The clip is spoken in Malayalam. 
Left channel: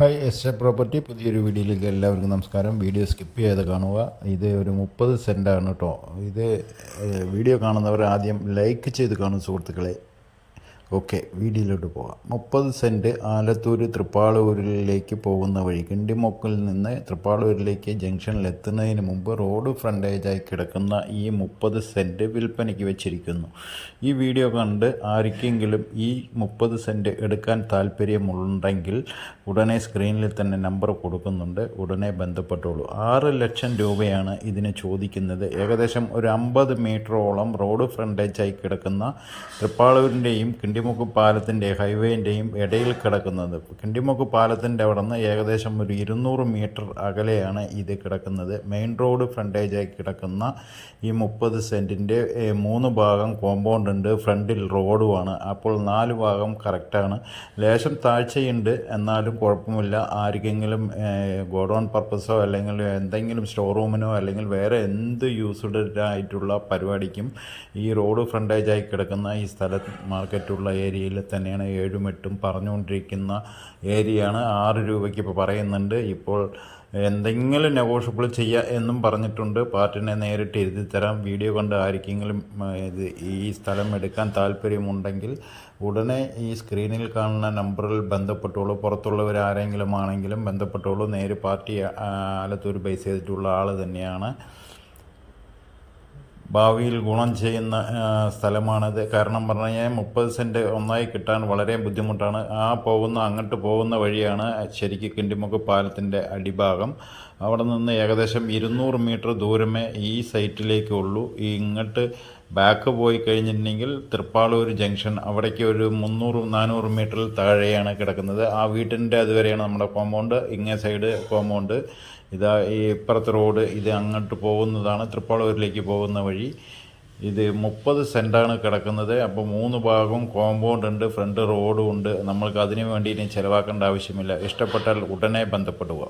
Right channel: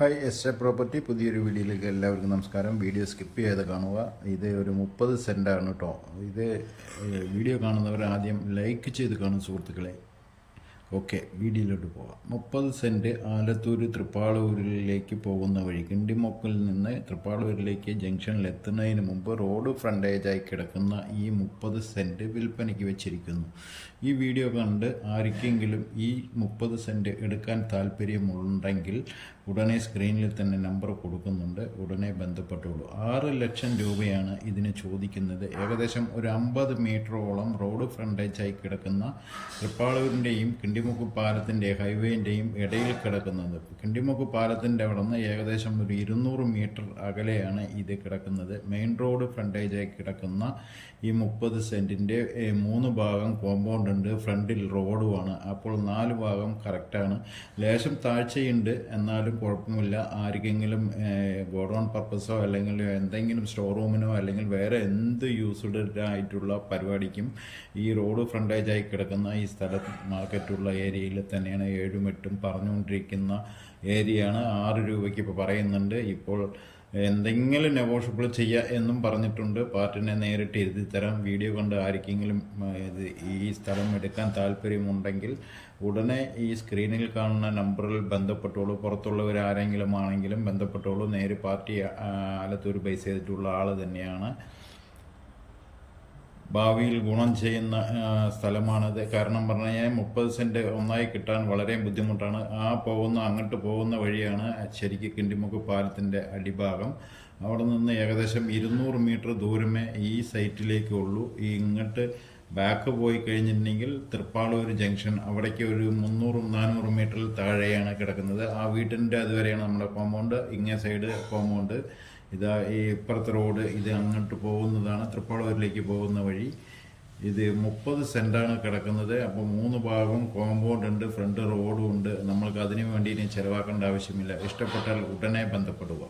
ഹായ് എസ് എ പ്രോപ്പർട്ടി പുതിയൊരു വീഡിയോയിലേക്ക് എല്ലാവർക്കും നമസ്കാരം. വീഡിയോ സ്കിപ്പ് ചെയ്ത് കാണുക. ഇത് ഒരു 30 സെൻറ്റാണ് കേട്ടോ. ഇത് വീഡിയോ കാണുന്നവർ ആദ്യം ലൈക്ക് ചെയ്ത് കാണും സുഹൃത്തുക്കളെ. ഓക്കെ, വീഡിയോയിലോട്ട് പോകാം. 30 സെൻറ്റ് ആലത്തൂർ തൃപ്പാളൂരിലേക്ക് പോകുന്ന വഴി കിണ്ടിമൊക്കിൽ നിന്ന് തൃപ്പാളൂരിലേക്ക് ജംഗ്ഷനിൽ എത്തുന്നതിന് മുമ്പ് റോഡ് ഫ്രണ്ടേജായി കിടക്കുന്ന ഈ 30 സെൻറ്റ് വിൽപ്പനയ്ക്ക് വെച്ചിരിക്കുന്നു. ഈ വീഡിയോ കണ്ട് ആർക്കെങ്കിലും ഈ 30 സെൻറ്റ് എടുക്കാൻ താല്പര്യമുണ്ടെങ്കിൽ ഉടനെ സ്ക്രീനിൽ തന്നെ നമ്പർ കൊടുക്കുന്നുണ്ട്, ഉടനെ ബന്ധപ്പെട്ടോളൂ. 6 ലക്ഷം രൂപയാണ് ഇതിന് ചോദിക്കുന്നത്. ഏകദേശം ഒരു 50 മീറ്ററോളം റോഡ് ഫ്രണ്ടേജായി കിടക്കുന്ന തൃപ്പാളൂരിൻ്റെയും കിണ്ടിമുക്ക് പാലത്തിൻ്റെ ഹൈവേൻ്റെയും ഇടയിൽ കിടക്കുന്നത്. കിണ്ടിമുക്ക് പാലത്തിൻ്റെ അവിടെ നിന്ന് ഏകദേശം ഒരു 200 മീറ്റർ അകലെയാണ് ഇത് കിടക്കുന്നത്. മെയിൻ റോഡ് ഫ്രണ്ടേജായി കിടക്കുന്ന ഈ 30 സെൻറ്റിൻ്റെ 3 ഭാഗം കോമ്പൗണ്ട് ഉണ്ട്, ഫ്രണ്ടിൽ റോഡുമാണ്. അപ്പോൾ 4 ഭാഗം കറക്റ്റാണ്. ലേശം താഴ്ചയുണ്ട്, എന്നാലും കുഴപ്പമില്ല. ആർക്കെങ്കിലും ഗോഡൗൺ പർപ്പസോ അല്ലെങ്കിൽ എന്തെങ്കിലും സ്റ്റോർ റൂമിനോ അല്ലെങ്കിൽ വേറെ എന്ത് യൂസ്ഡ് ആയിട്ടുള്ള പരിപാടിക്കും ഈ റോഡ് ഫ്രണ്ടേജായി കിടക്കുന്ന ഈ സ്ഥലം മാർക്കറ്റുള്ള ഏരിയയിൽ തന്നെയാണ് 7ഉം 8ഉം പറഞ്ഞുകൊണ്ടിരിക്കുന്ന ഏരിയയാണ്. 6 രൂപയ്ക്ക് ഇപ്പോൾ പറയുന്നുണ്ട്. ഇപ്പോൾ എന്തെങ്കിലും നെഗോഷ്യബിൾ ചെയ്യുക എന്നും പറഞ്ഞിട്ടുണ്ട്. പാർട്ടിനെ നേരിട്ട് എഴുതി തരാം. വീഡിയോ കണ്ട് ആർക്കെങ്കിലും ഈ സ്ഥലം എടുക്കാൻ താല്പര്യമുണ്ടെങ്കിൽ ഉടനെ ഈ സ്ക്രീനിൽ കാണുന്ന നമ്പറിൽ ബന്ധപ്പെട്ടോളൂ. പുറത്തുള്ളവർ ആരെങ്കിലും ആണെങ്കിലും ബന്ധപ്പെട്ടോളൂ. നേര് പാർട്ടി ആലത്തൂർ ബേസ് ചെയ്തിട്ടുള്ള ആൾ തന്നെയാണ്. ഭാവിയിൽ ഗുണം ചെയ്യുന്ന സ്ഥലമാണിത്. കാരണം പറഞ്ഞു കഴിഞ്ഞാൽ 30 സെൻറ്റ് ഒന്നായി കിട്ടാൻ വളരെ ബുദ്ധിമുട്ടാണ്. അങ്ങോട്ട് പോകുന്ന വഴിയാണ് ശരിക്കും കിണ്ടിമുക്ക് പാലത്തിൻ്റെ അടിഭാഗം. അവിടെ നിന്ന് ഏകദേശം 200 മീറ്റർ ദൂരമേ ഈ സൈറ്റിലേക്ക് ഉള്ളൂ. ഇങ്ങോട്ട് ബാക്ക് പോയി കഴിഞ്ഞിട്ടുണ്ടെങ്കിൽ തൃപ്പാളൂർ ജംഗ്ഷൻ, അവിടേക്ക് ഒരു 300-400 മീറ്ററിൽ താഴെയാണ് കിടക്കുന്നത്. ആ വീട്ടിൻ്റെ അതുവരെയാണ് നമ്മുടെ കോമ്പൗണ്ട്. ഇങ്ങേ സൈഡ് കോമ്പൗണ്ട്. ഇതാ ഈ ഇപ്പുറത്തെ റോഡ്, ഇത് അങ്ങോട്ട് പോകുന്നതാണ് തൃപ്പാളൂരിലേക്ക് പോകുന്ന വഴി. ഇത് 30 സെൻറ്റാണ് കിടക്കുന്നത്. അപ്പോൾ 3 ഭാഗവും കോമ്പൗണ്ട് ഉണ്ട്, ഫ്രണ്ട് റോഡും ഉണ്ട്. നമ്മൾക്ക് അതിനു വേണ്ടി ഇനി ചിലവാക്കേണ്ട ആവശ്യമില്ല. ഇഷ്ടപ്പെട്ടാൽ ഉടനെ ബന്ധപ്പെടുക.